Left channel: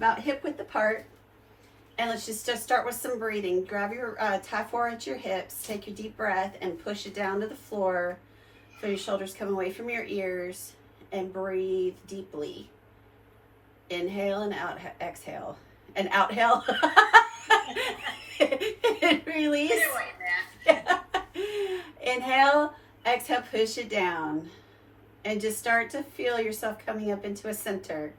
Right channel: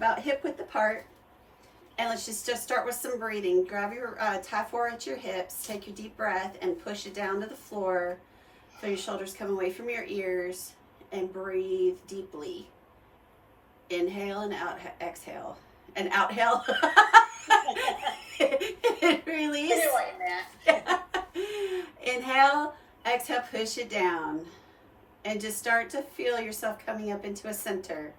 about hip width apart. And let's just start with some breathing. Grab your tie 4 at your hips, take your deep breath and push it down to the floor. Feel your shoulders come away from your ears and breathe deeply. Inhale and out, exhale. And outhale. And release. Get away, Matt. Inhale, exhale, push it down. And just start to feel yourself coming up into a center.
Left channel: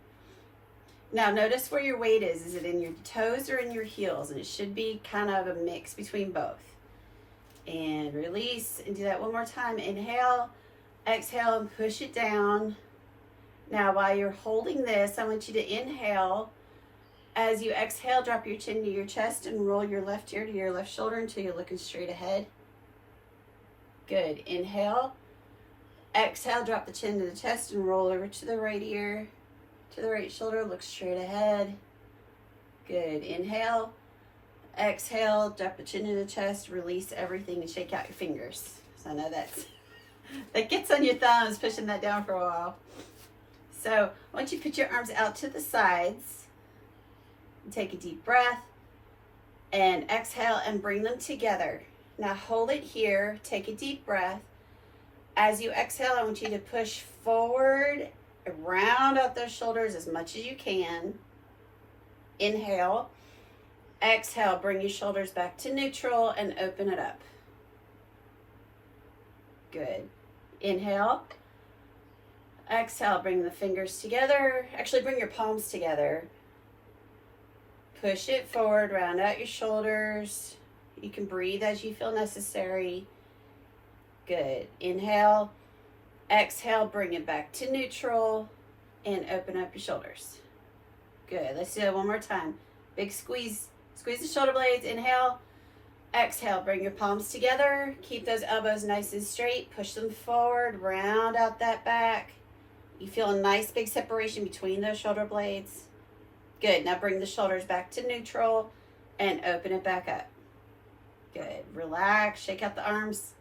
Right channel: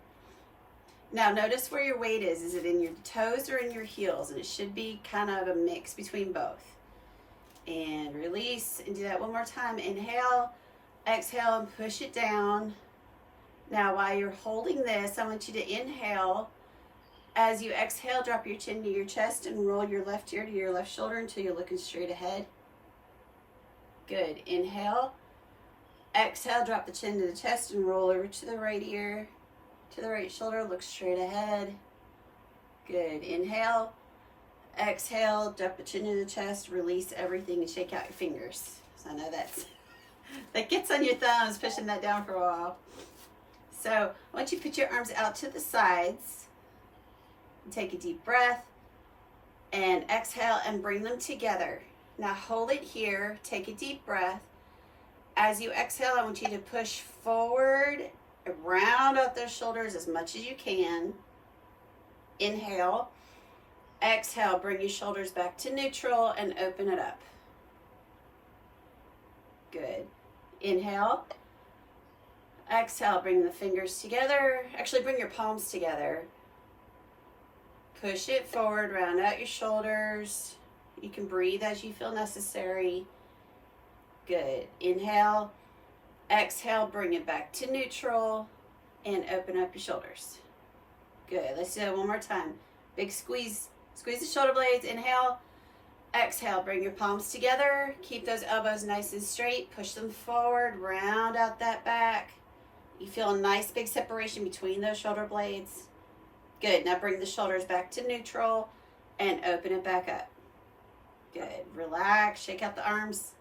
Now notice where your weight is. Is it in your toes or in your heels? And it should be kind of a mix between both. And release, and do that one more time. Inhale, exhale, and push it down. Now while you're holding this, I want you to inhale. As you exhale, drop your chin to your chest and roll your left ear to your left shoulder until you're looking straight ahead. Good. Inhale. Exhale, drop the chin to the chest and roll over to the right ear, to the right shoulder, look straight ahead. Good. Inhale. Exhale, drop the chin to the chest, release everything and shake out your fingers. So I know that gets on your thumbs, pushing that down for a while. So I want you to put your arms out to the sides. Take a deep breath and exhale and bring them together. Now hold it here, take a deep breath. As you exhale, I want you to push forward, round out those shoulders as much as you can. Inhale. Exhale, bring your shoulders back to neutral and open it up. Good. Inhale. Exhale, bring the fingers together. Actually, bring your palms together. Push it forward, round out your shoulders. You can breathe as you feel necessary. Good. Inhale. Exhale, bring it back to neutral and open up your shoulders. Good. Let's do that one more time. Big squeeze. Squeeze the shoulder blades. Inhale. Exhale, bring your palms together. Keep those elbows nice and straight. Push them forward. Round out that back. You feel a nice big separation between those shoulder blades. Good. Now bring the shoulders back to neutral and open it back up. Good. Relax. Shake out the arms.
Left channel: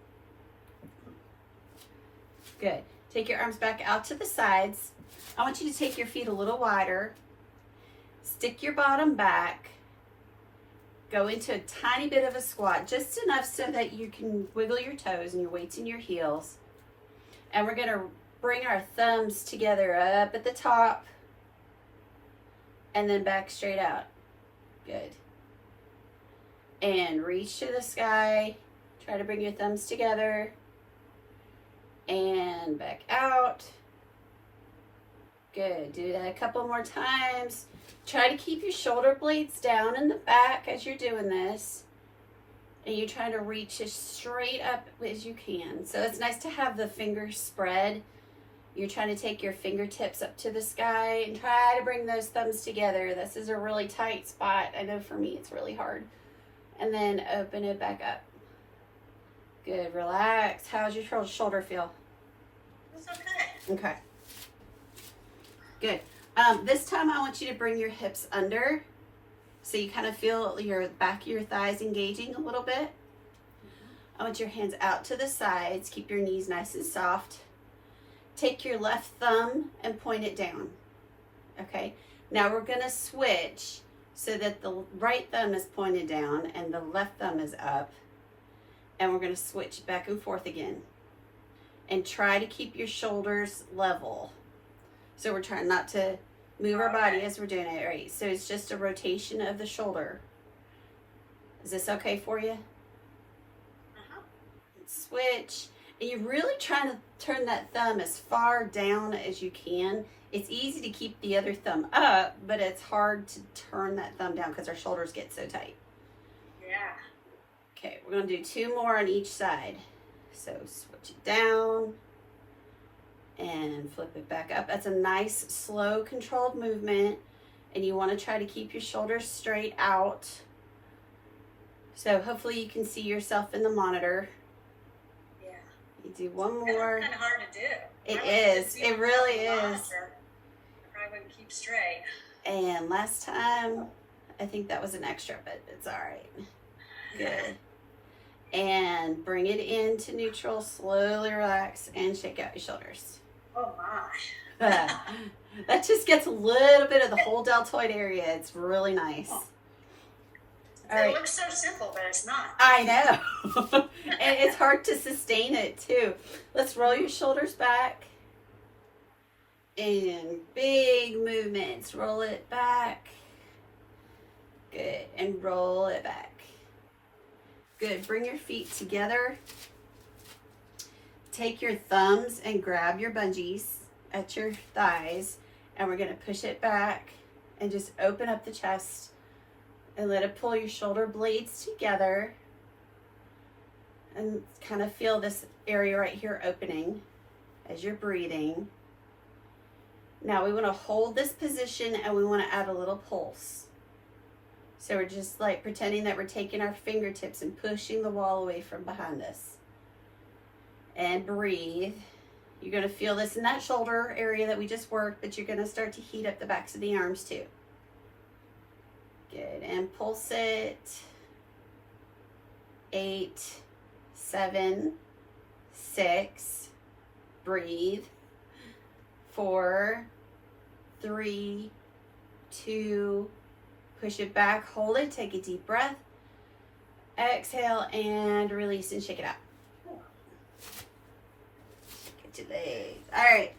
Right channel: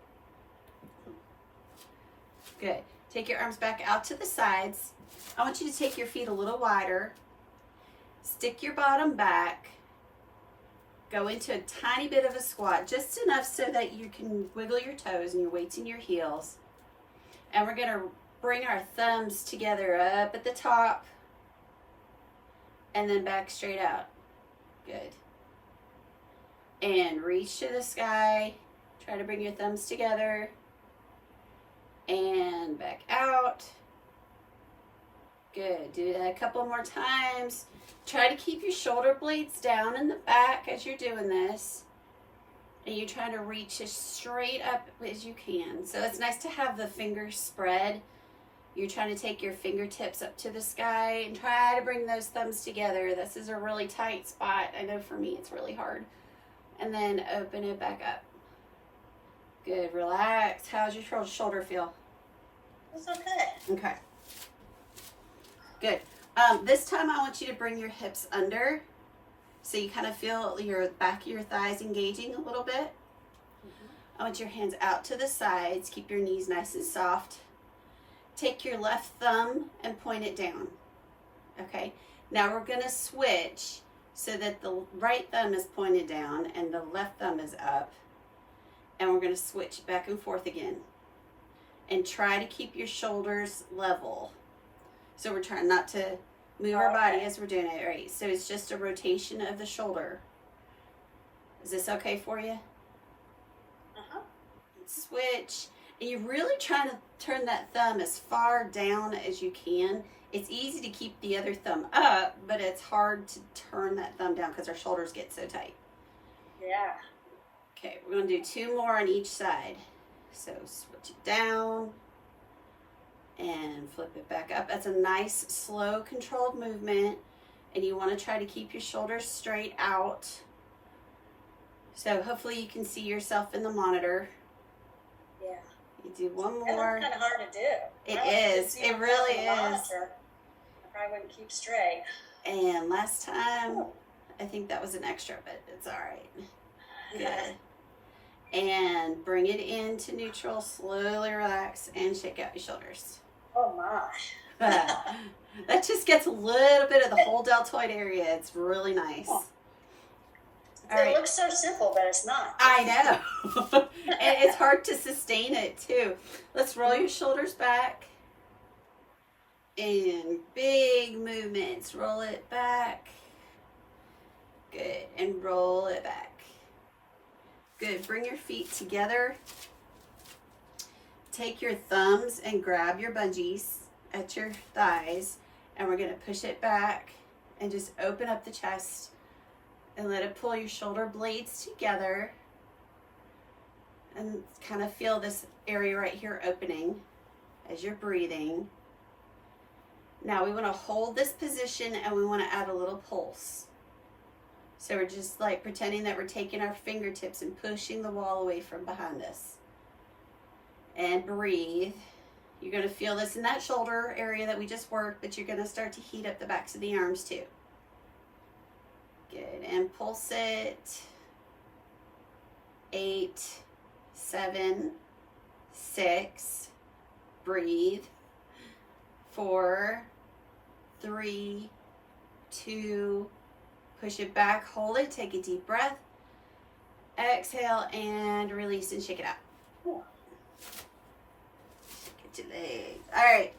Good. Take your arms back out to the sides. I want you to take your feet a little wider. Stick your bottom back. Go into a tiny bit of a squat, just enough so that you can wiggle your toes and your weights in your heels. And we're going to bring our thumbs together up at the top and then back straight out. Good. And reach to the sky. Try to bring your thumbs together. And back out. Good. Do that a couple more times. Try to keep your shoulder blades down in the back as you're doing this. And you're trying to reach as straight up as you can. So it's nice to have the fingers spread. You're trying to take your fingertips up to the sky and try to bring those thumbs together. This is a really tight spot. I know for me it's really hard. And then open it back up. Good. Relax. How's your shoulder feel? It's okay. Okay. Good. This time I want you to bring your hips under so you kind of feel your back of your thighs engaging a little bit. I want your hands out to the sides. Keep your knees nice and soft. Take your left thumb and point it down. Okay. Now we're going to switch so that the right thumb is pointed down and the left thumb is up. And we're going to switch back and forth again. And try to keep your shoulders level. So we're trying not to move our body as we're doing it. All right. So it's just a rotation of the shoulder. Is this okay for you? Switch. And you're really trying to turn that thumb as far down as you can. It's easy to keep the other thumb up, but it's hard to turn that thumb down because our shoulders get so tight. Yeah. Okay, we're going to do 2 more on each side. So switch it down and flip it back up. That's a nice, slow, controlled movement. And you want to try to keep your shoulders straight out. So hopefully you can see yourself in the monitor. Yeah. You do one more. It's kind of hard to do. It right? is. It really is. Monitor. I probably wouldn't keep straight. And last time, I think that was an extra, but it's all right. Good. And bring it into neutral. Slowly relax and shake out your shoulders. Oh my. That just gets a little bit of the whole deltoid area. It's really nice. Oh. All It right. looks so simple, but it's not. I know. And it's hard to sustain it too. Let's roll your shoulders back. And big movements. Roll it back. Good. And roll it back. Good. Bring your feet together. Take your thumbs and grab your bungees at your thighs. And we're going to push it back and just open up the chest and let it pull your shoulder blades together. And kind of feel this area right here opening as you're breathing. Now we want to hold this position and we want to add a little pulse. So we're just like pretending that we're taking our fingertips and pushing the wall away from behind us. And breathe. You're going to feel this in that shoulder area that we just worked, but you're going to start to heat up the backs of the arms too. Good. And pulse it. 8, 7, 6. Breathe. 4, 3, 2. Push it back. Hold it. Take a deep breath. Exhale and release and shake it out. Shake your legs. All right.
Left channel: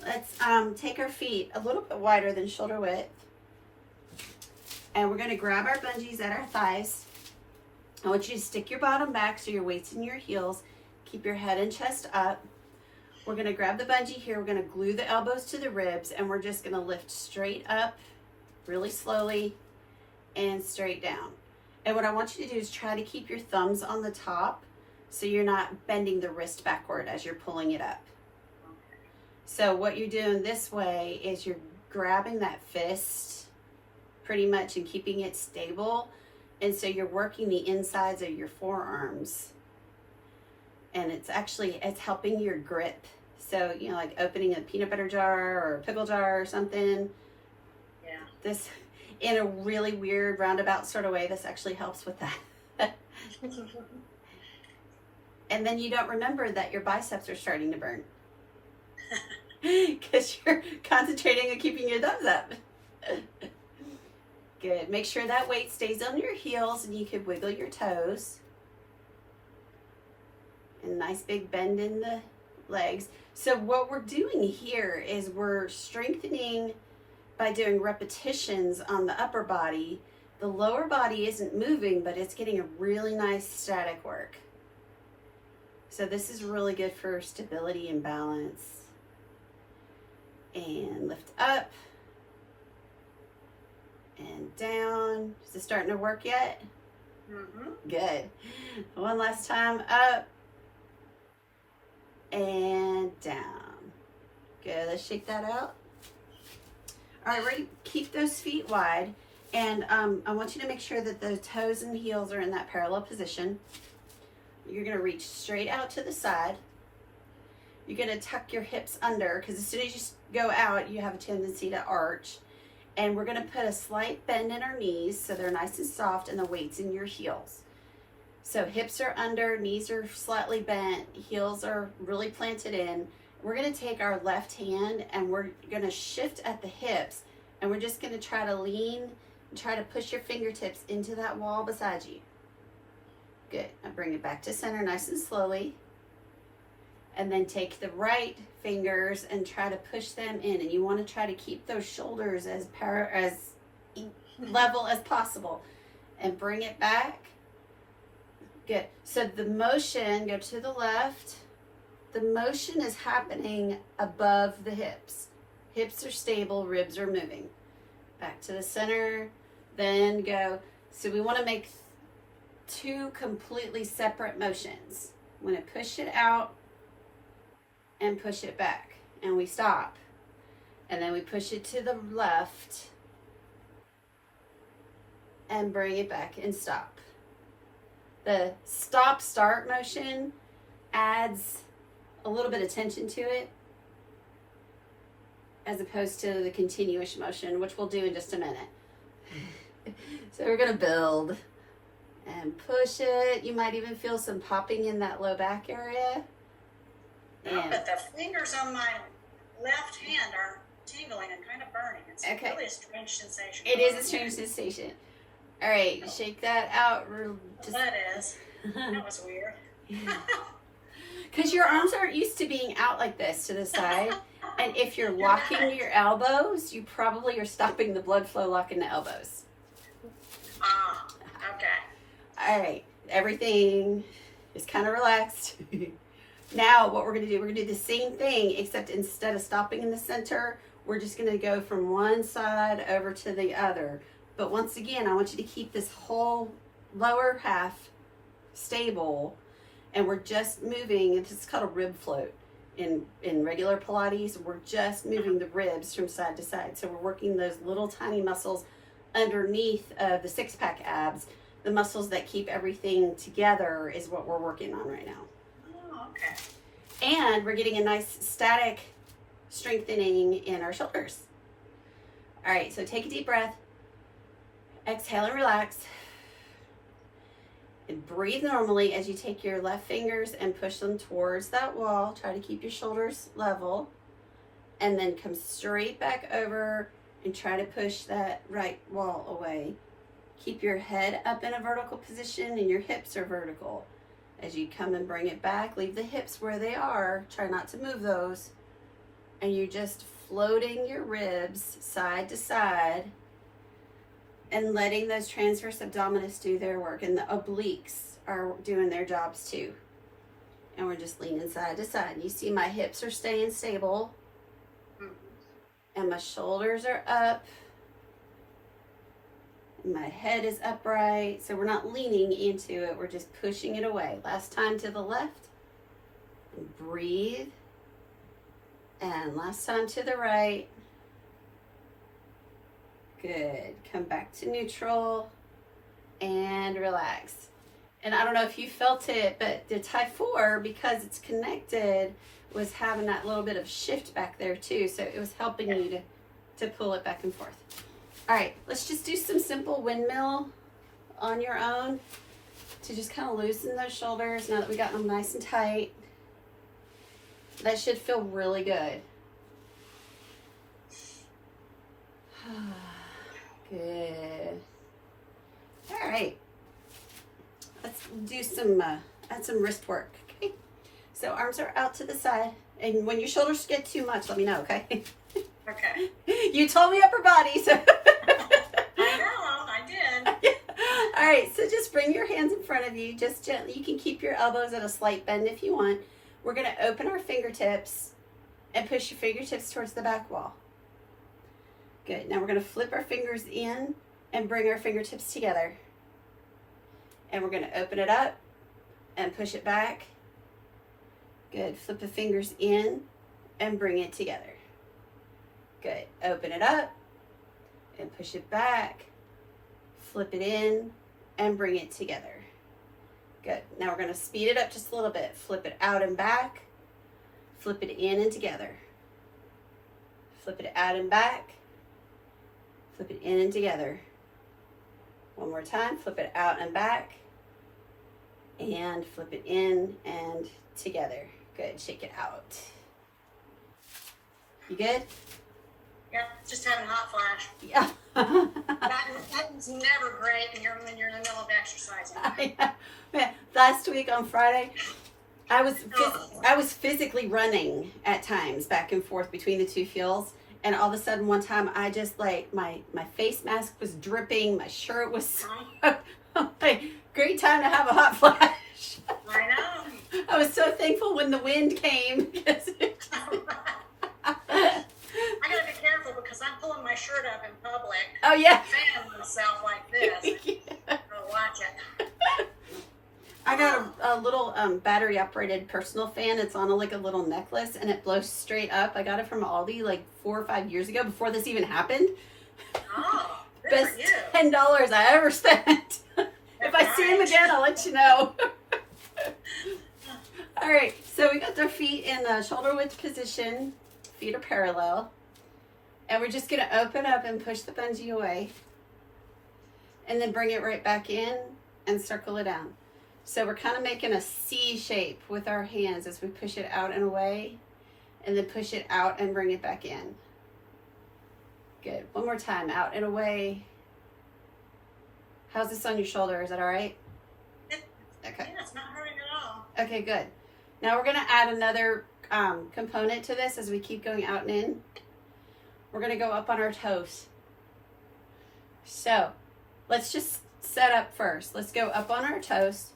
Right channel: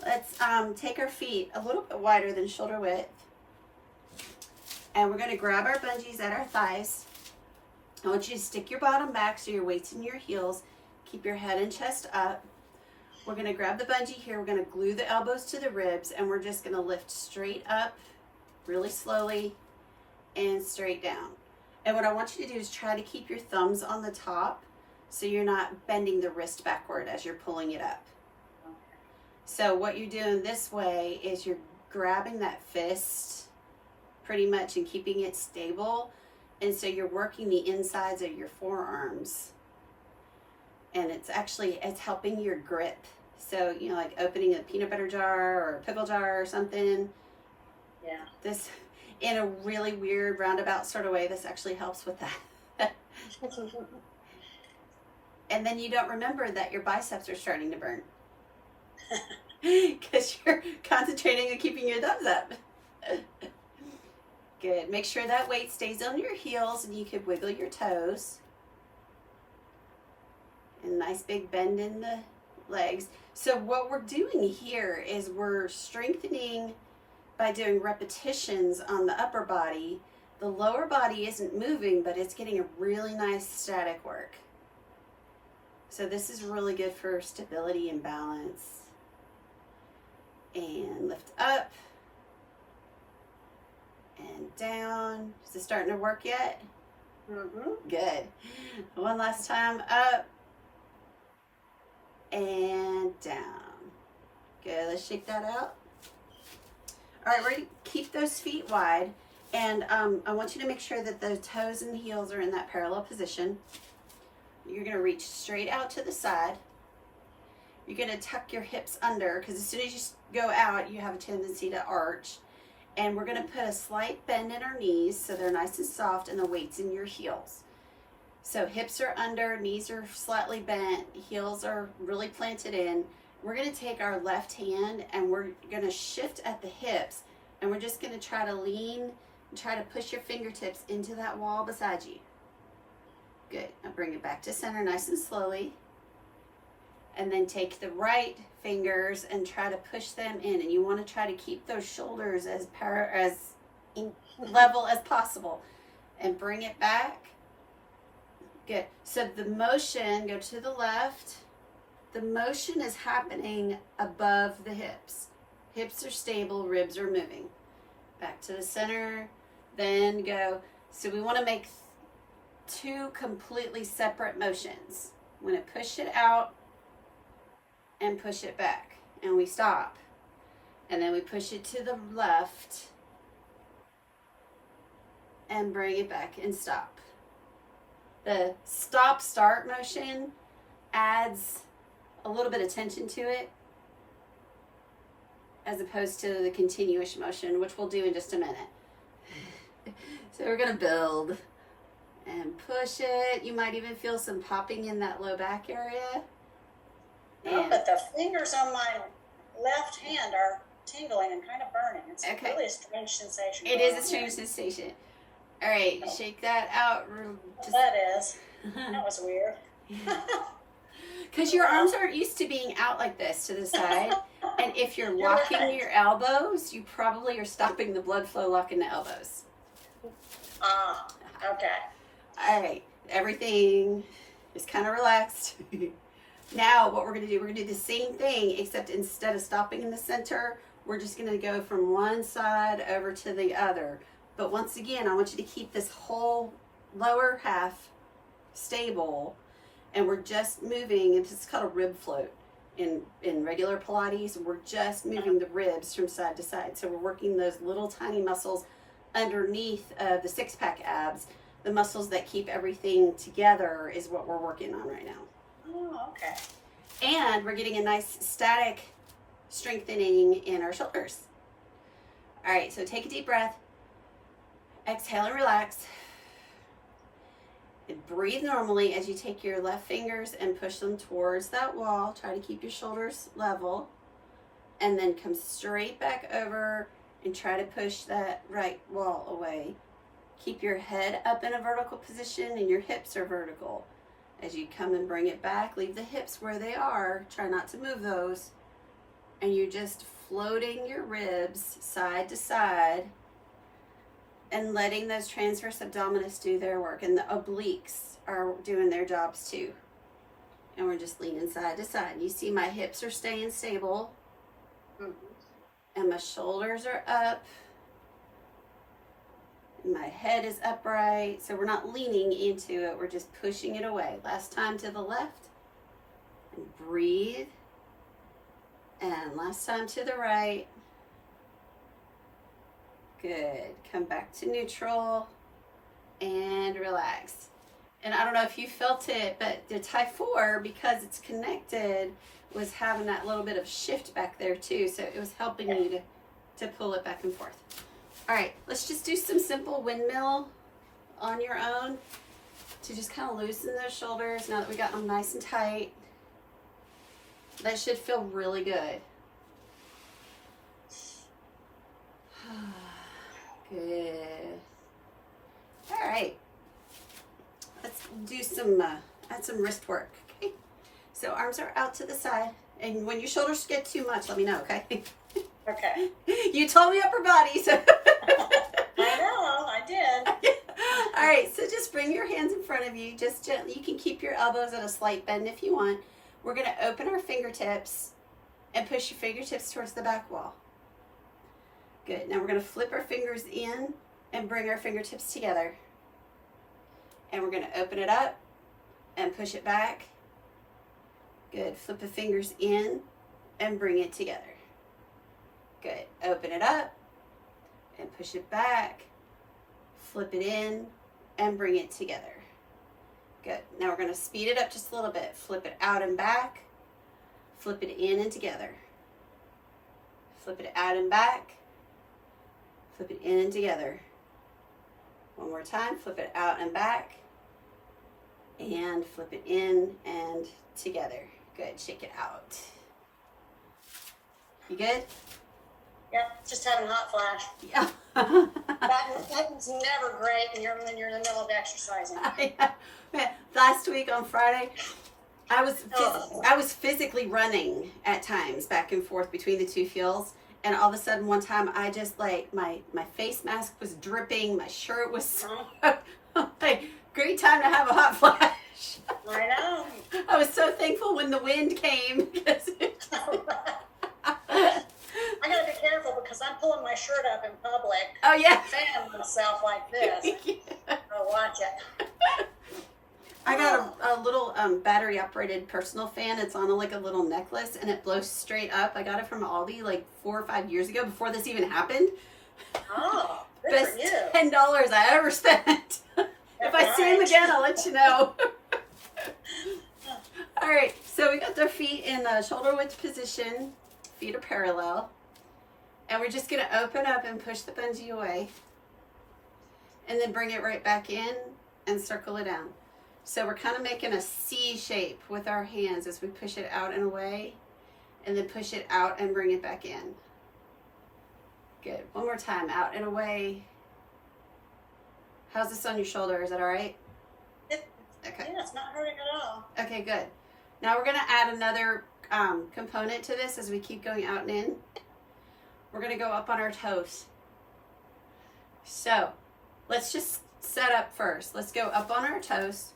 Let's take our feet a little bit wider than shoulder width. And we're going to grab our bungees at our thighs. I want you to stick your bottom back so your weight's in your heels. Keep your head and chest up. We're going to grab the bungee here. We're going to glue the elbows to the ribs, and we're just going to lift straight up really slowly and straight down. And what I want you to do is try to keep your thumbs on the top so you're not bending the wrist backward as you're pulling it up. So what you're doing this way is you're grabbing that fist pretty much and keeping it stable. And so you're working the insides of your forearms. And it's helping your grip. So, you know, like opening a peanut butter jar or a pickle jar or something. Yeah. This, in a really weird roundabout sort of way, this actually helps with that. And then you don't remember that your biceps are starting to burn. Because you're concentrating on keeping your thumbs up. Good. Make sure that weight stays on your heels and you can wiggle your toes. And nice big bend in the legs. So what we're doing here is we're strengthening by doing repetitions on the upper body. The lower body isn't moving, but it's getting a really nice static work. So this is really good for stability and balance. And lift up. And down. Is it starting to work yet? Mm-hmm. Good. One last time. Up. And down. Good. Let's shake that out. All right, we're going to keep those feet wide. And I want you to make sure that the toes and heels are in that parallel position. You're going to reach straight out to the side. You're going to tuck your hips under because as soon as you go out, you have a tendency to arch. And we're going to put a slight bend in our knees so they're nice and soft and the weight's in your heels. So hips are under, knees are slightly bent, heels are really planted in. We're going to take our left hand and we're going to shift at the hips and we're just going to try to lean and try to push your fingertips into that wall beside you. Good. Now bring it back to center nice and slowly. And then take the right fingers and try to push them in. And you want to try to keep those shoulders as level as possible. And bring it back. Good. So the motion, go to the left. The motion is happening above the hips. Hips are stable, ribs are moving. Back to the center. Then go. So we want to make 2 completely separate motions. I'm going to push it out. And push it back and we stop and then we push it to the left and bring it back and stop. The stop start motion adds a little bit of tension to it as opposed to the continuous motion, which we'll do in just a minute. So we're going to build and push it. You might even feel some popping in that low back area. No, but the fingers on my left hand are tingling and kind of burning. It's Okay. really a strange sensation. It going is on a strange there. sensation. All right, shake that out. That is. That was weird. Because your arms aren't used to being out like this to the side. And if you're locking right. your elbows, you probably are stopping the blood flow locking the elbows. Okay. All right, everything is kind of relaxed. Now what we're going to do, we're going to do the same thing, except instead of stopping in the center, we're just going to go from one side over to the other. But once again, I want you to keep this whole lower half stable, and we're just moving. It's called a rib float in regular Pilates. We're just moving the ribs from side to side. So we're working those little tiny muscles underneath the six-pack abs. The muscles that keep everything together is what we're working on right now. Oh, okay. And we're getting a nice static strengthening in our shoulders. All right, so take a deep breath. Exhale and relax. And breathe normally as you take your left fingers and push them towards that wall. Try to keep your shoulders level. And then come straight back over and try to push that right wall away. Keep your head up in a vertical position and your hips are vertical. As you come and bring it back, leave the hips where they are. Try not to move those. And you're just floating your ribs side to side and letting those transverse abdominis do their work. And the obliques are doing their jobs too. And we're just leaning side to side. You see my hips are staying stable. And my shoulders are up. My head is upright. So we're not leaning into it. We're just pushing it away. Last time to the left. And breathe. And last time to the right. Good. Come back to neutral. And relax. And I don't know if you felt it, but the Thai 4, because it's connected, was having that little bit of shift back there too. So it was helping you to pull it back and forth. All right, let's just do some simple windmill on your own to just kind of loosen those shoulders now that we got them nice and tight. That should feel really good. Good. All right. Let's do some, add some wrist work, okay? So arms are out to the side. And when your shoulders get too much, let me know, okay? Okay. You told me upper body, so. I know, I did. All right, so just bring your hands in front of you, just gently. You can keep your elbows at a slight bend if you want. We're going to open our fingertips and push your fingertips towards the back wall. Good. Now we're going to flip our fingers in and bring our fingertips together. And we're going to open it up and push it back. Good. Flip the fingers in and bring it together. Good. Open it up and push it back. Flip it in and bring it together. Good. Now we're going to speed it up just a little bit. Flip it out and back. Flip it in and together. Flip it out and back. Flip it in and together. One more time. Flip it out and back. And flip it in and together. Good. Shake it out. You good? Yep, just having a hot flash. Yeah. That's never great when you're in the middle of exercising. Man, last week on Friday, I was physically running at times back and forth between the two fields, and all of a sudden one time I just like my face mask was dripping, my shirt was like, great time to have a hot flash. I know. I was so thankful when the wind came. I gotta be careful because I'm pulling my shirt up in public. Oh yeah. Fanning myself like this. Yeah. So watch it. I got a little battery operated personal fan. It's on like a little necklace and it blows straight up. I got it from Aldi like 4 or 5 years ago before this even happened. Oh, good Best for you. $10 I ever spent. If I see him again, I'll let you know. All right, so we got their feet in the shoulder width position. Feet are parallel. And we're just going to open up and push the bungee away. And then bring it right back in and circle it down. So we're kind of making a C shape with our hands as we push it out and away. And then push it out and bring it back in. Good. One more time. Out and away. How's this on your shoulder? Is that all right? Okay. Yeah, it's not hurting at all. Okay, good. Now we're going to add another component to this as we keep going out and in. We're going to go up on our toes. So let's just set up first. Let's go up on our toes.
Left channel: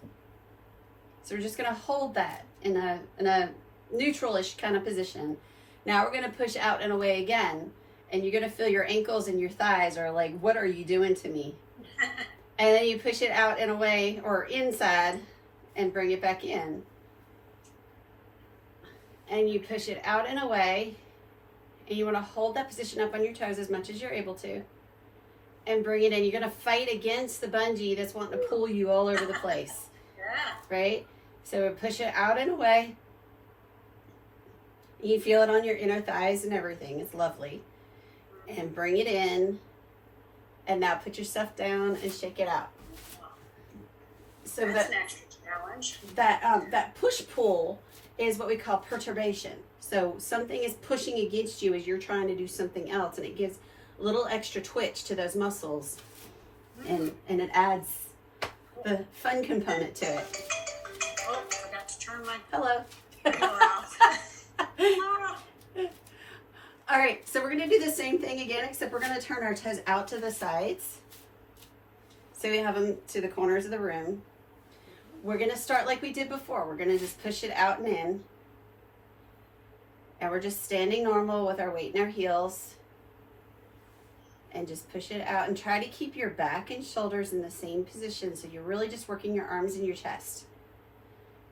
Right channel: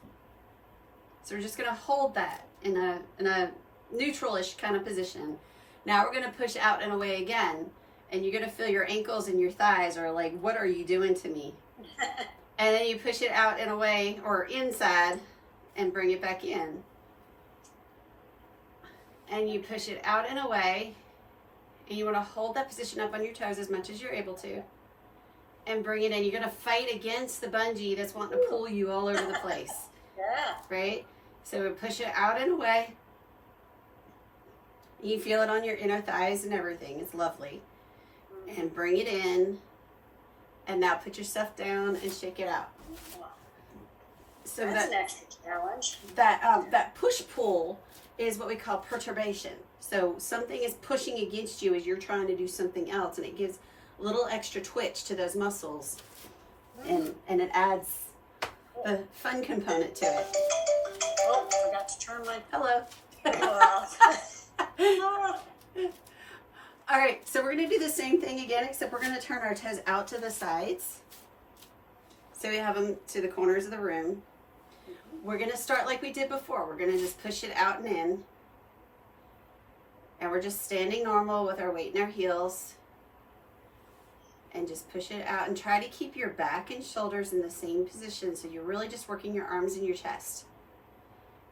So we're just going to hold that in a neutral-ish kind of position. Now we're going to push out and away again. And you're going to feel your ankles and your thighs are like, what are you doing to me? And then you push it out and away or inside and bring it back in. And you push it out and away. And you want to hold that position up on your toes as much as you're able to. And bring it in. You're going to fight against the bungee that's wanting to pull you all over the place. Yeah. Right? So we push it out and away. You feel it on your inner thighs and everything. It's lovely. And bring it in. And now put your stuff down and shake it out. So That's an extra challenge. that push-pull is what we call perturbation. So something is pushing against you as you're trying to do something else, and it gives a little extra twitch to those muscles, and it adds the fun component to it. Oh, I forgot to turn my Hello. video off. All right, so we're going to do the same thing again, except we're going to turn our toes out to the sides. So we have them to the corners of the room. We're going to start like we did before. We're going to just push it out and in. And we're just standing normal with our weight in our heels. And just push it out and try to keep your back and shoulders in the same position. So you're really just working your arms and your chest.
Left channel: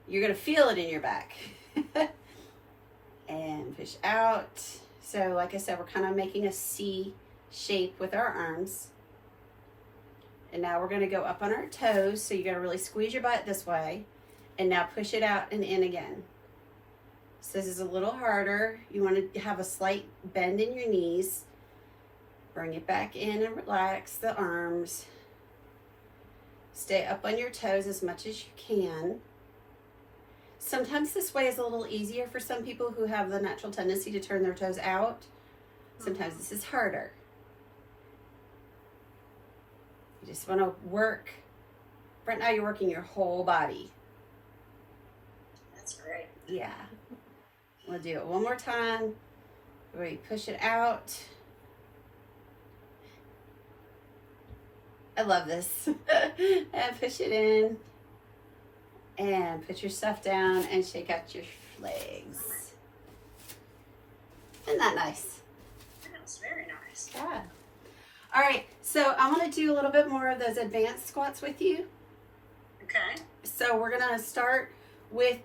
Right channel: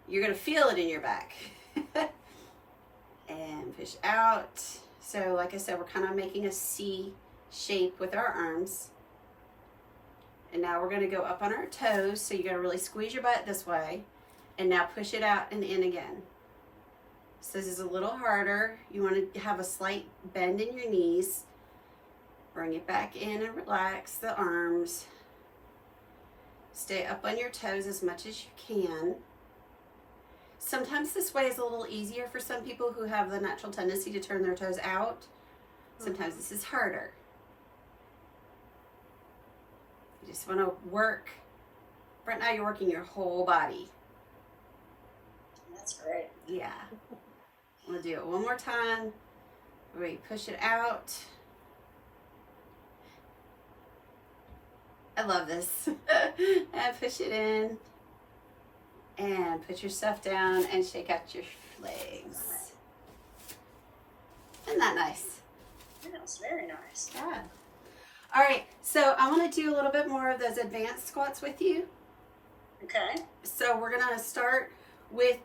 You're going to feel it in your back. And push out. So like I said, we're kind of making a C shape with our arms. And now we're going to go up on our toes. So you're going to really squeeze your butt this way. And now push it out and in again. So this is a little harder. You want to have a slight bend in your knees. Bring it back in and relax the arms. Stay up on your toes as much as you can. Sometimes this way is a little easier for some people who have the natural tendency to turn their toes out. Sometimes this is harder. You just want to work. Right now you're working your whole body. That's great. Yeah. We'll do it one more time. We push it out. I love this. And push it in. And put your stuff down and shake out your legs. Isn't that nice? That's very nice. Yeah. All right, so I want to do a little bit more of those advanced squats with you. Okay. So we're gonna start with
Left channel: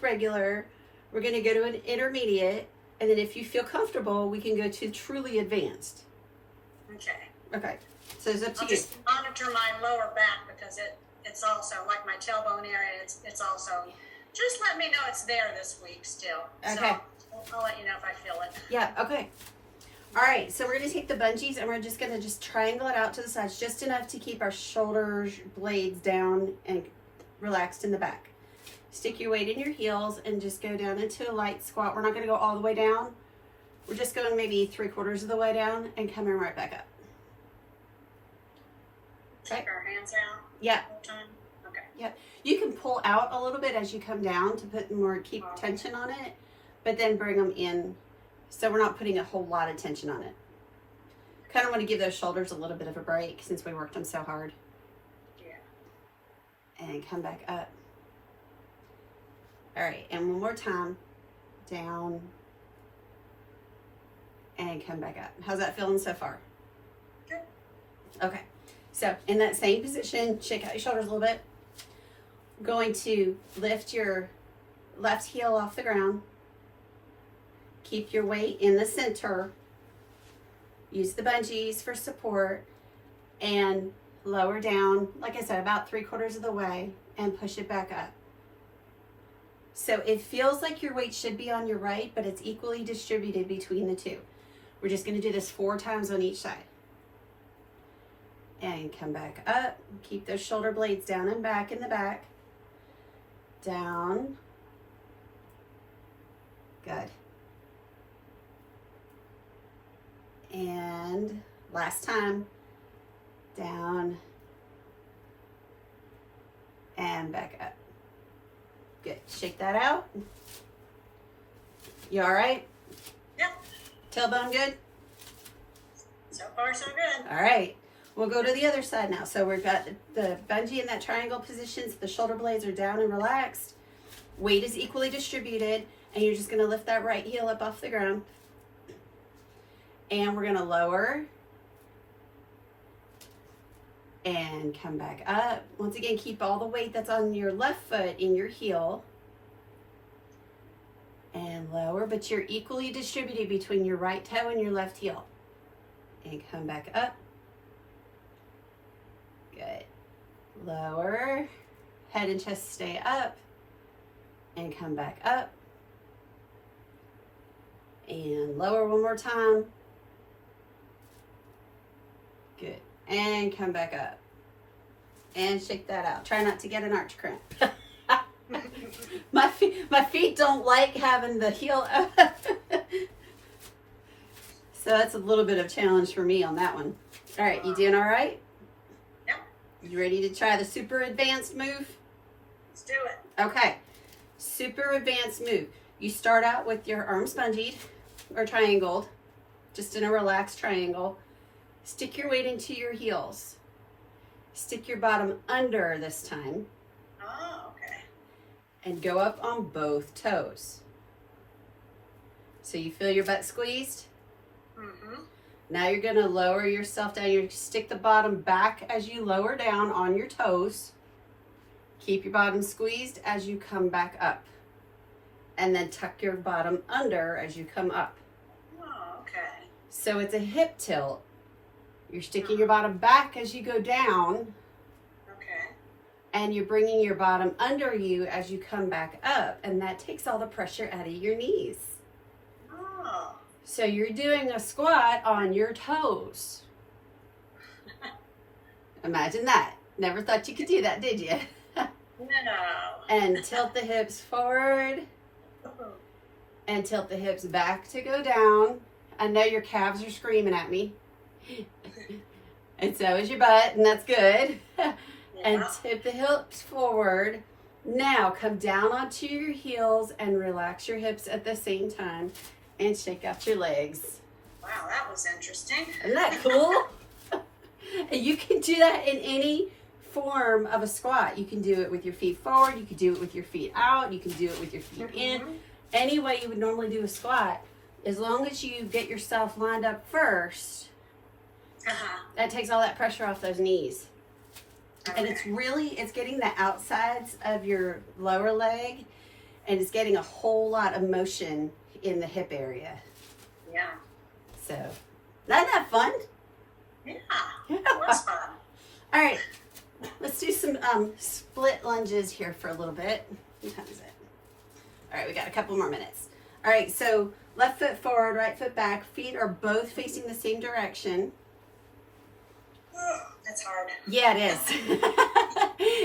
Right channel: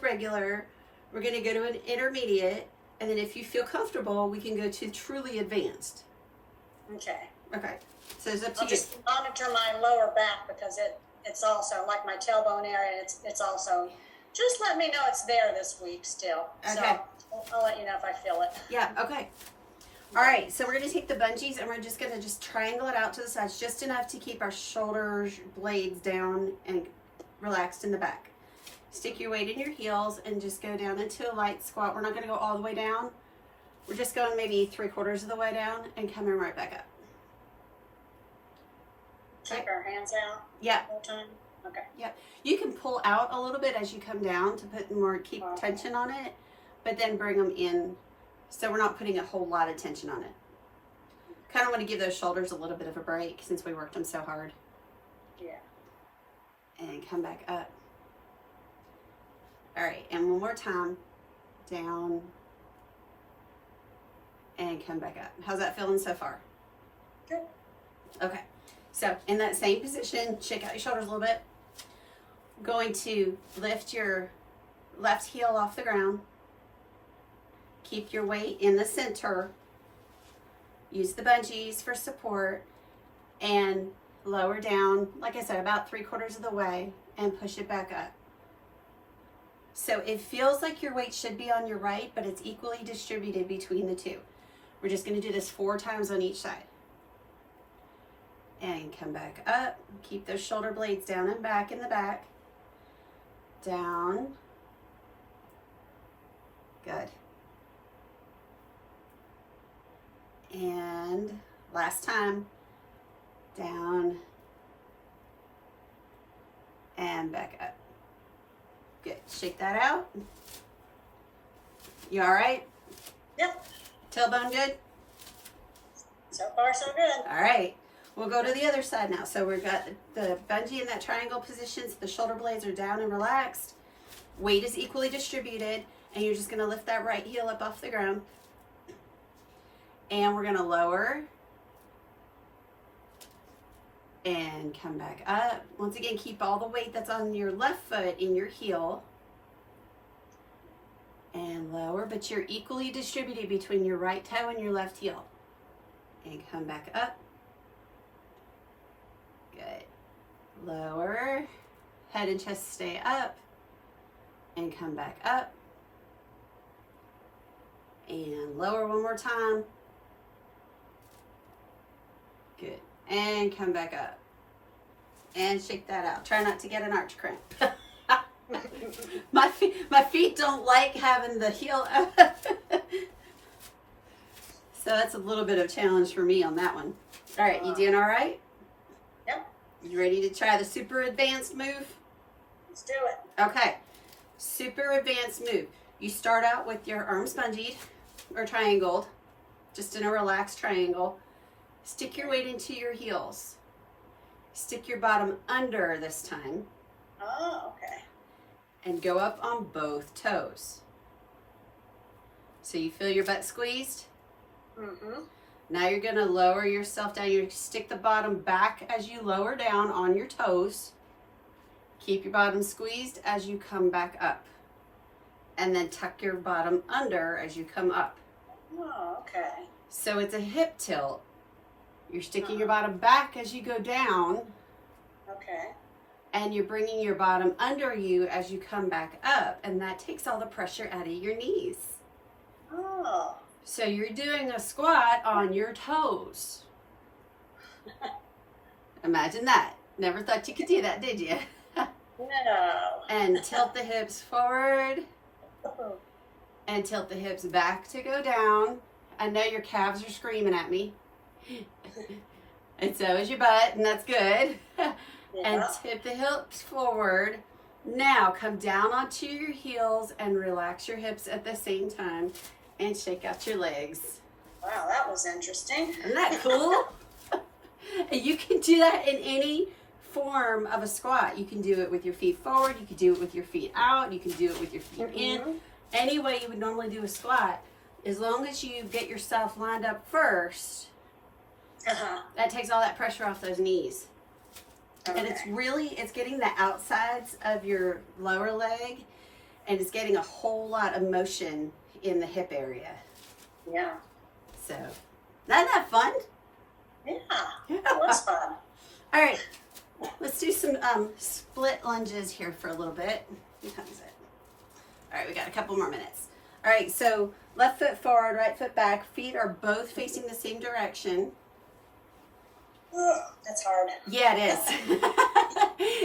regular. We're gonna go to an intermediate, and then if you feel comfortable, we can go to truly advanced. Okay. Okay. So it's up to I'll you. just monitor my lower back because it's also like my tailbone area. It's also just let me know it's there this week still. Okay. So I'll let you know if I feel it. Yeah. Okay. All right. So we're gonna take the bungees and we're just gonna triangle it out to the sides, just enough to keep our shoulder blades down and relaxed in the back. Stick your weight in your heels and just go down into a light squat. We're not gonna go all the way down. We're just going maybe 3/4 of the way down and coming right back up. Keep our hands out. Yeah. The whole time. Okay. Yep. You can pull out a little bit as you come down to put more, keep tension on it, but then bring them in. So we're not putting a whole lot of tension on it. Kind of want to give those shoulders a little bit of a break since we worked them so hard. Yeah. And come back up. All right. And one more time. Down. And come back up. How's that feeling so far? Good. Okay. So in that same position, shake out your shoulders a little bit. Going to lift your left heel off the ground. Keep your weight in the center. Use the bungees for support. And lower down, like I said, about 3/4 of the way and push it back up. So it feels like your weight should be on your right, but it's equally distributed between the two. We're just going to do this 4 times on each side. And come back up. Keep those shoulder blades down and back in the back. Down. Good. And last time. Down. And back up. Good. Shake that out. You all right? Yep. Tailbone good? So far, so good. All right. We'll go to the other side now. So we've got the bungee in that triangle position. So the shoulder blades are down and relaxed. Weight is equally distributed. And you're just going to lift that right heel up off the ground. And we're going to lower. And come back up. Once again, keep all the weight that's on your left foot in your heel. And lower, but you're equally distributed between your right toe and your left heel. And come back up. Good. Lower. Head and chest stay up. And come back up. And lower one more time. Good. And come back up. And shake that out. Try not to get an arch cramp. My feet don't like having the heel up. So that's a little bit of challenge for me on that one. All right, you doing all right? Yep. You ready to try the super advanced move? Let's do it. Okay. Super advanced move. You start out with your arms bungeed or triangled, just in a relaxed triangle. Stick your weight into your heels. Stick your bottom under this time. Oh, okay. And go up on both toes. So you feel your butt squeezed? Mm-hmm. Now you're going to lower yourself down. You stick the bottom back as you lower down on your toes. Keep your bottom squeezed as you come back up. And then tuck your bottom under as you come up. Oh, okay. So it's a hip tilt. You're sticking your bottom back as you go down. Okay. And you're bringing your bottom under you as you come back up. And that takes all the pressure out of your knees. Oh. So you're doing a squat on your toes. Imagine that. Never thought you could do that, did you? No. And tilt the hips forward. And tilt the hips back to go down. I know your calves are screaming at me. And so is your butt, and that's good. And tip the hips forward. Now come down onto your heels and relax your hips at the same time. And shake out your legs. Wow, that was interesting. Isn't that cool? And you can do that in any form of a squat. You can do it with your feet forward. You can do it with your feet out. You can do it with your feet in. Any way you would normally do a squat. As long as you get yourself lined up first, that takes all that pressure off those knees. Okay. And it's getting the outsides of your lower leg, and it's getting a whole lot of motion in the hip area. Yeah. So, isn't that fun? Yeah. It was fun. All right, let's do some split lunges here for a little bit. What time is it? All right, we got a couple more minutes. All right, so left foot forward, right foot back. Feet are both facing the same direction. Ugh, that's hard. Yeah, it is.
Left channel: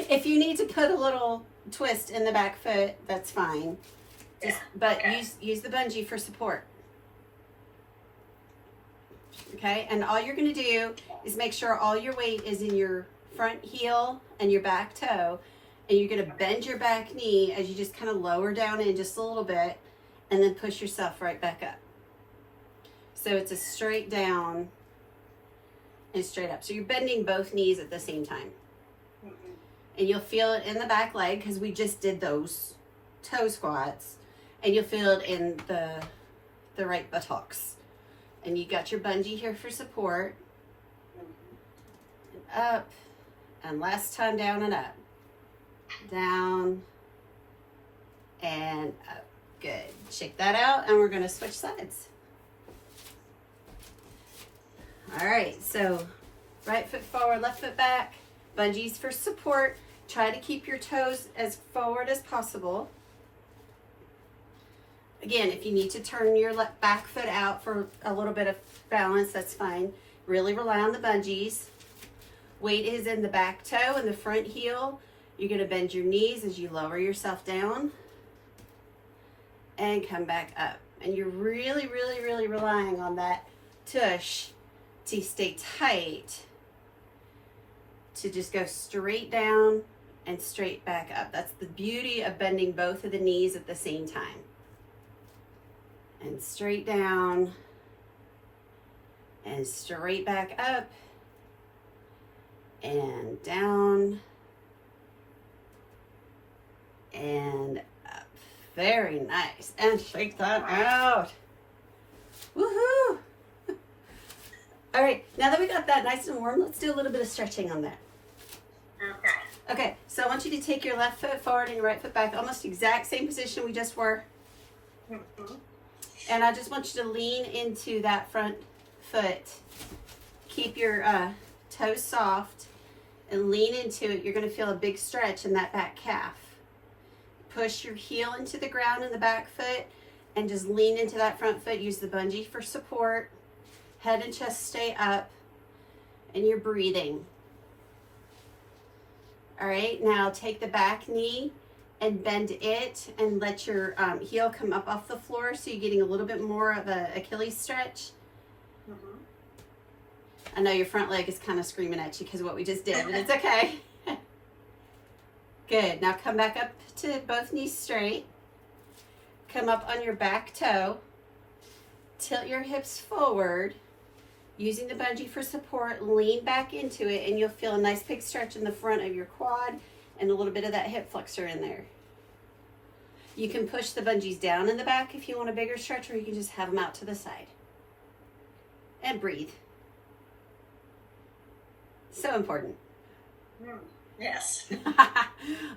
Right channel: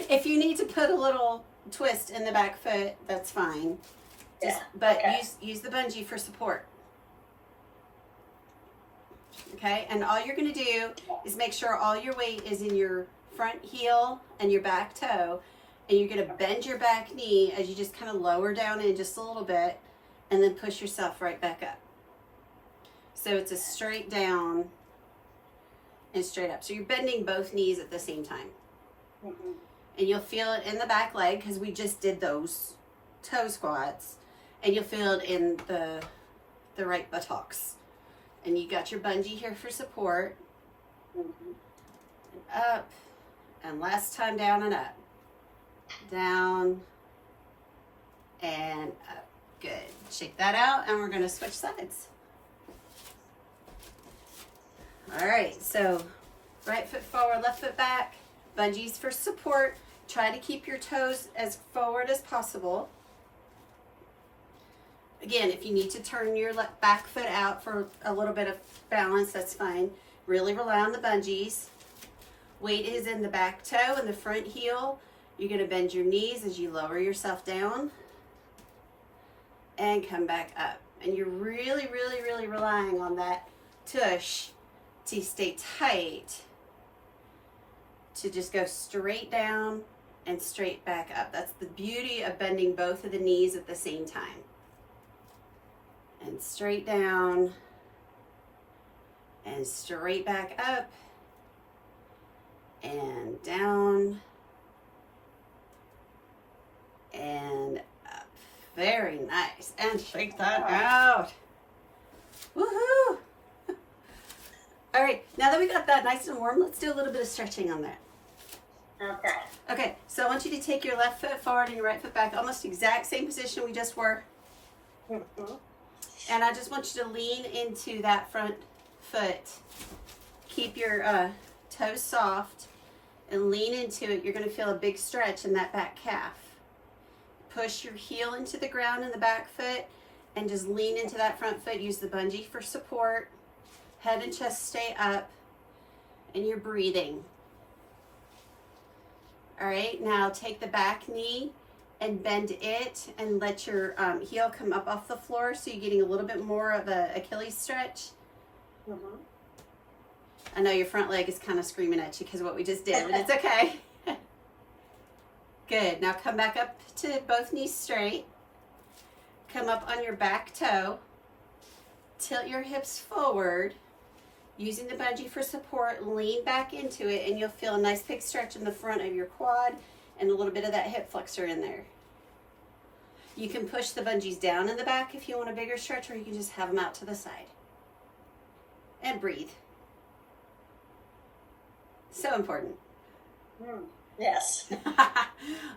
If you need to put a little twist in the back foot, that's fine. But okay. use the bungee for support. Okay, and all you're going to do is make sure all your weight is in your front heel and your back toe, and you're going to bend your back knee as you just kind of lower down in just a little bit, and then push yourself right back up. So it's a straight down and straight up. So you're bending both knees at the same time. Mm-hmm. And you'll feel it in the back leg because we just did those toe squats. And you'll feel it in the right buttocks. And you got your bungee here for support. And up. And last time down and up. Down. And up. Good. Shake that out and we're going to switch sides. All right. So right foot forward, left foot back. Bungees for support. Try to keep your toes as forward as possible. Again, if you need to turn your back foot out for a little bit of balance, that's fine. Really rely on the bungees. Weight is in the back toe and the front heel. You're going to bend your knees as you lower yourself down and come back up. And you're really, really, really relying on that tush to stay tight, to just go straight down and straight back up. That's the beauty of bending both of the knees at the same time. And straight down and straight back up and down and up. Very nice. And shake that out. Woohoo! All right, now that we got that nice and warm, let's do a little bit of stretching on that. Okay. Okay, so I want you to take your left foot forward and your right foot back, almost exact same position we just were. Mm-hmm. And I just want you to lean into that front foot. Keep your toes soft and lean into it. You're going to feel a big stretch in that back calf. Push your heel into the ground in the back foot and just lean into that front foot. Use the bungee for support. Head and chest stay up and you're breathing. All right, now take the back knee and bend it and let your heel come up off the floor so you're getting a little bit more of a Achilles stretch. Mm-hmm. I know your front leg is kind of screaming at you because of what we just did, but it's okay. Good. Now come back up to both knees straight. Come up on your back toe. Tilt your hips forward. Using the bungee for support, lean back into it, and you'll feel a nice big stretch in the front of your quad and a little bit of that hip flexor in there. You can push the bungees down in the back if you want a bigger stretch, or you can just have them out to the side. And breathe. So important. Yes.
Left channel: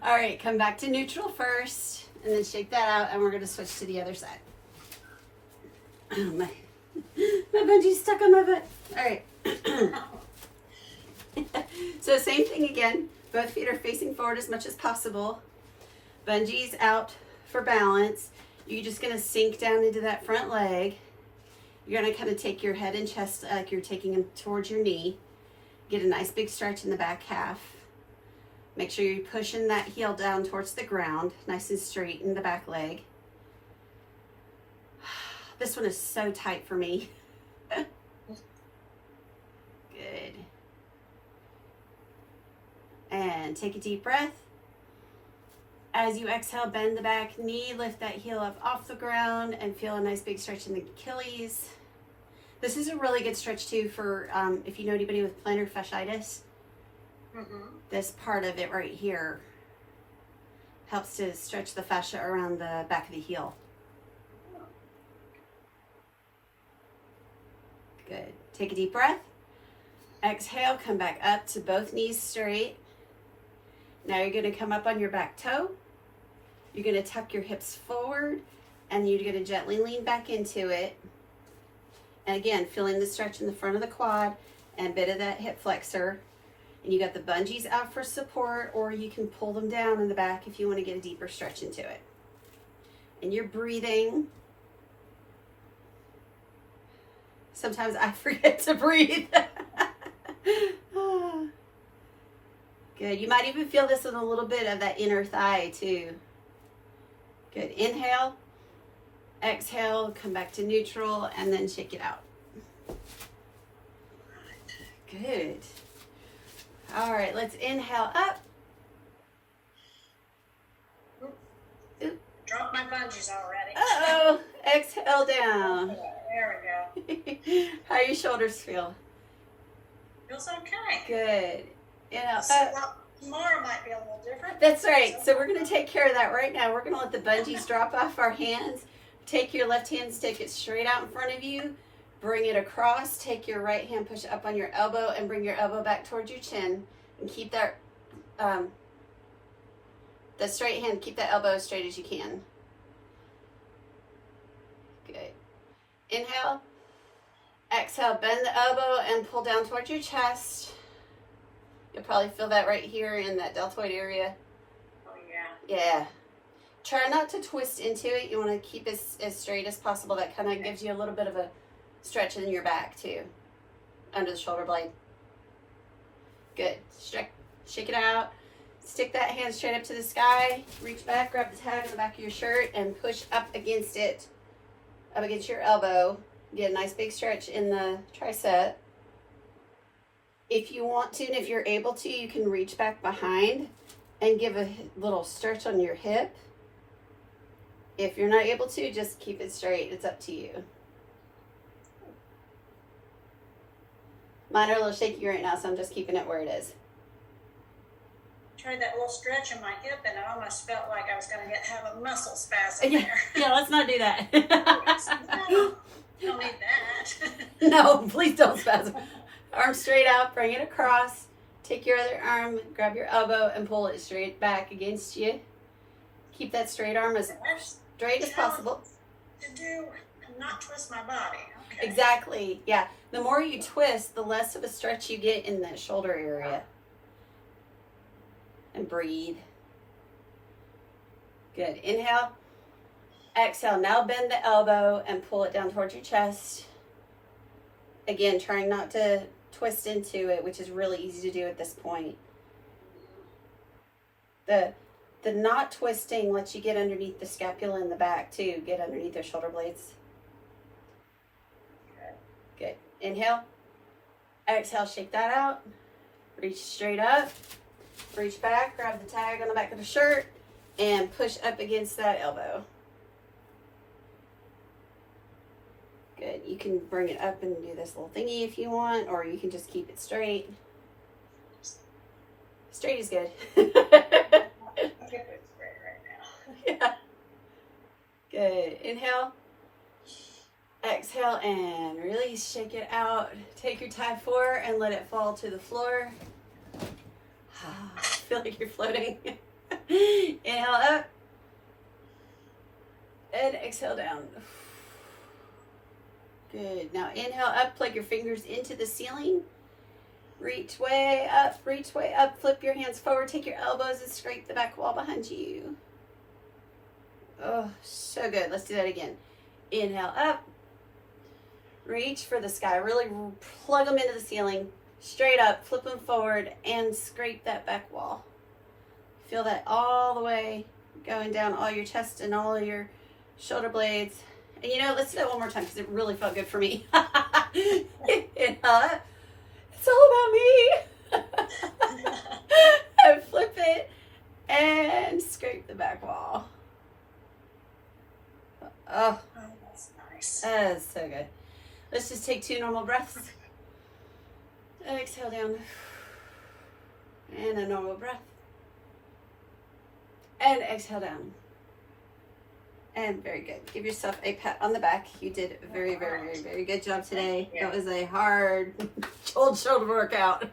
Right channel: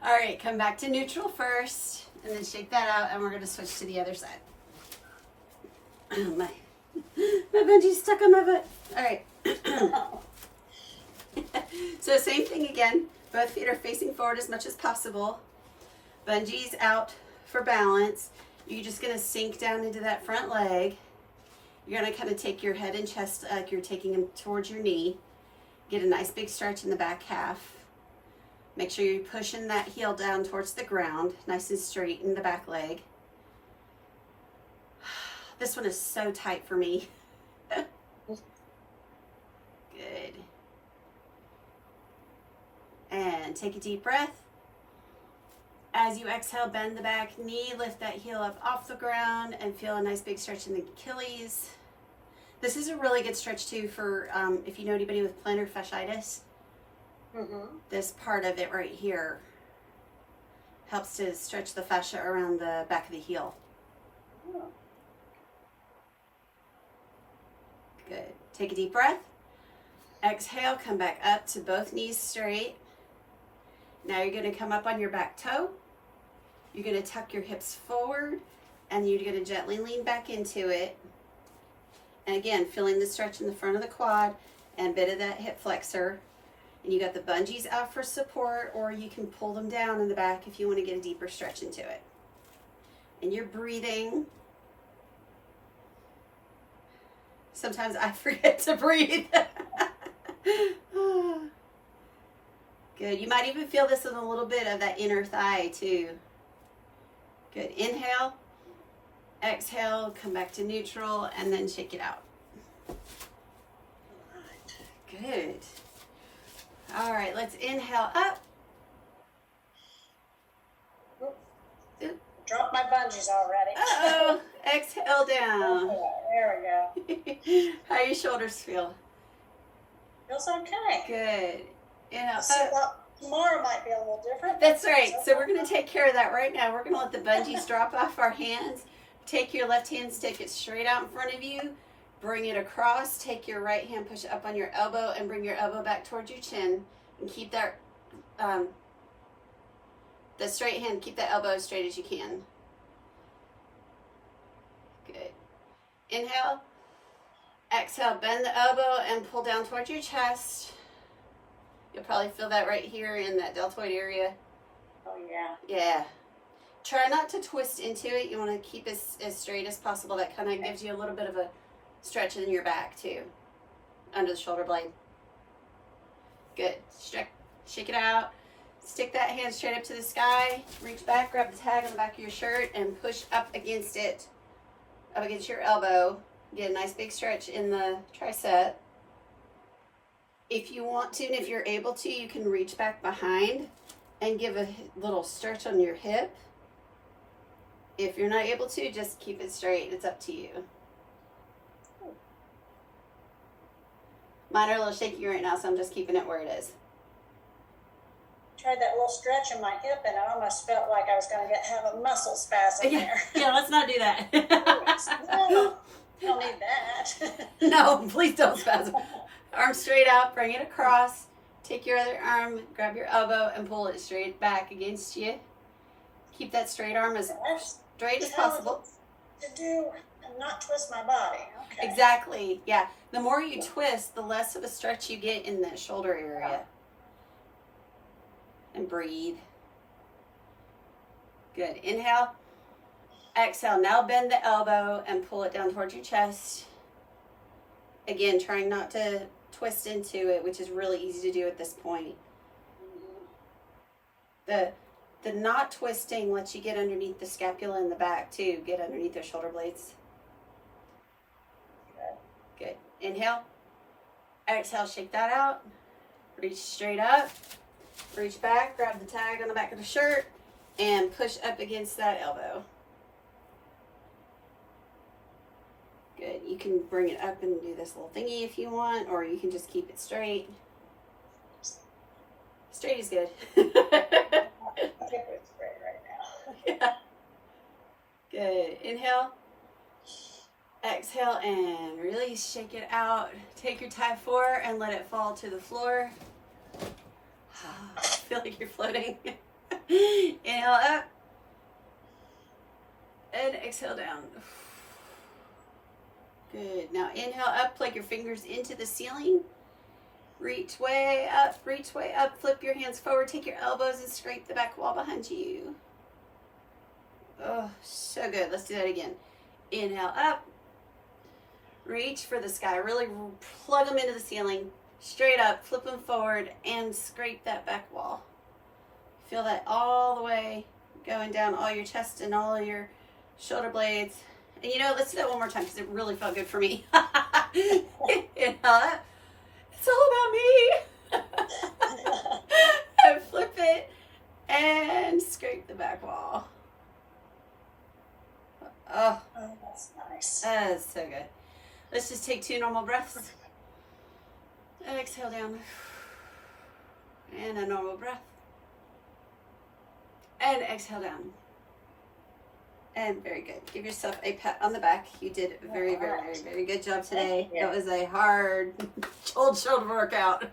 All right, come back to neutral first, and then shake that out, and we're going to switch to the other side. My bungee's stuck on my foot. All right. So same thing again. Both feet are facing forward as much as possible. Bungee's out for balance. You're just going to sink down into that front leg. You're going to kind of take your head and chest like you're taking them towards your knee. Get a nice big stretch in the back half. Make sure you're pushing that heel down towards the ground, nice and straight in the back leg. This one is so tight for me. Good. And take a deep breath. As you exhale, bend the back knee, lift that heel up off the ground, and feel a nice big stretch in the Achilles. This is a really good stretch too for if you know anybody with plantar fasciitis. Mm-hmm. This part of it right here helps to stretch the fascia around the back of the heel. Good. Take a deep breath. Exhale, come back up to both knees straight. Now you're going to come up on your back toe. You're going to tuck your hips forward, and you're going to gently lean back into it. And again, feeling the stretch in the front of the quad and a bit of that hip flexor. And you got the bungees out for support, or you can pull them down in the back if you want to get a deeper stretch into it. And you're breathing. Sometimes I forget to breathe. Good. You might even feel this in a little bit of that inner thigh too. Good. Inhale. Exhale. Come back to neutral and then shake it out. Good. All right. Let's inhale up. Drop my bungees already. Uh-oh. Exhale down. There we go. How your shoulders feel? Feels okay. Good. Tomorrow might be a little different. That's right. So we're going to take care of that right now. We're going to let the bungees drop off our hands. Take your left hand, stick it straight out in front of you. Bring it across. Take your right hand, push it up on your elbow, and bring your elbow back towards your chin. And keep that the straight hand, keep that elbow as straight as you can. Good. Inhale. Exhale, bend the elbow and pull down towards your chest. You'll probably feel that right here in that deltoid area. Oh, yeah. Yeah. Try not to twist into it. You want to keep as straight as possible. That kind of gives you a little bit of a stretch in your back too, under the shoulder blade. Good. Shake it out. Stick that hand straight up to the sky. Reach back, grab the tag on the back of your shirt, and push up against it, up against your elbow. Get a nice big stretch in the tricep. If you want to, and if you're able to, you can reach back behind and give a little stretch on your hip. If you're not able to, just keep it straight. It's up to you. Mine are a little shaky right now, so I'm just keeping it where it is. Tried that little stretch in my hip, and I almost felt like I was going to have a muscle spasm Yeah, there. yeah, let's not do that. No, don't need that. No, please don't spasm. Arm straight out, bring it across. Take your other arm, grab your elbow, and pull it straight back against you. Keep that straight arm as straight as possible. To do and not twist my body. Okay. Exactly, yeah. The more you twist, the less of a stretch you get in that shoulder area. And breathe. Good. Inhale. Exhale. Now bend the elbow and pull it down towards your chest. Again, trying not to twist into it, which is really easy to do at this point. The not twisting lets you get underneath the scapula in the back too. Get underneath their shoulder blades. Good. Inhale. Exhale. Shake that out. Reach straight up. Reach back. Grab the tag on the back of the shirt and push up against that elbow. Good. You can bring it up and do this little thingy if you want, or you can just keep it straight. Straight is good. Yeah. Good. Inhale. Exhale and release. Shake it out. Take your tie 4 and let it fall to the floor. Feel like you're floating. Inhale up. And exhale down. Good. Now inhale up, plug your fingers into the ceiling. Reach way up, flip your hands forward, take your elbows and scrape the back wall behind you. Oh, so good. Let's do that again. Inhale up. Reach for the sky. Really plug them into the ceiling. Straight up, flip them forward and scrape that back wall. Feel that all the way going down all your chest and all of your shoulder blades. And you know, let's do that one more time because it really felt good for me. Inhale up. It's all about me. And flip it and scrape the back wall. Oh, That's nice. that is so good. Let's just take 2 normal breaths. Exhale down. And a normal breath. And exhale down. And very good. Give yourself a pat on the back. You did a very, very, very, very good job today. It was a hard old shoulder workout.